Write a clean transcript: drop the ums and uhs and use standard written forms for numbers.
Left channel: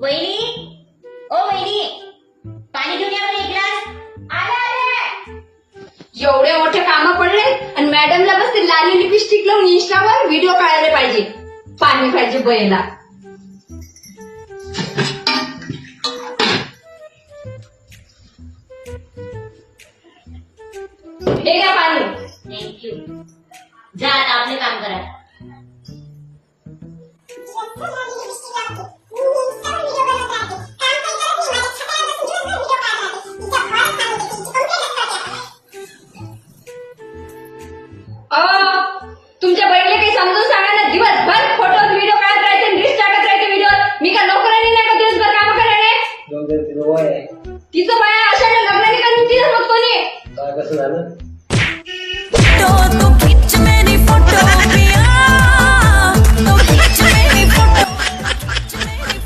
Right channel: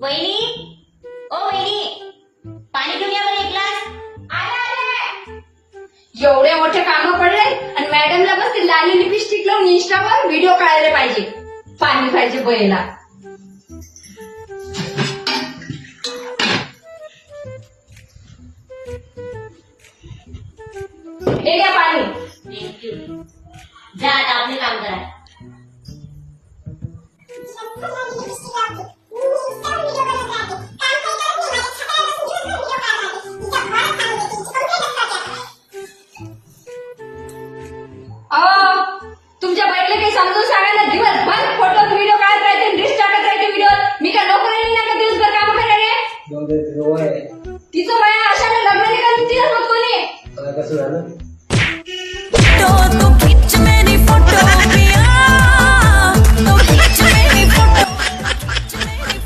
वहिनी, ओ वहिनी, पाणी घेऊन या बरं एक ग्लास. आले. एवढे मोठे काम पडले आणि मॅडमला बस ते लाली लिपस्टिक लावून इंस्टावर व्हिडिओ काढायला पाहिजे. पाणी पाहिजे बयला. हे घ्या पाणी. थँक्यू. जा आता आपले काम करा. तुमच्या बहिणीला काही समजून सांगा ना. दिवसभर फोटो व्हिडिओ काढत राहायचे, रील्स टाकत राहायचे व्हिडिओ. मी का नोकरांनी नाही का दिवसभर काम करायला. जाऊ दे, तिचं वय आहे. तिचं बाया अशा लग्नाने का तुमची मग कोणी काय कसं झालं?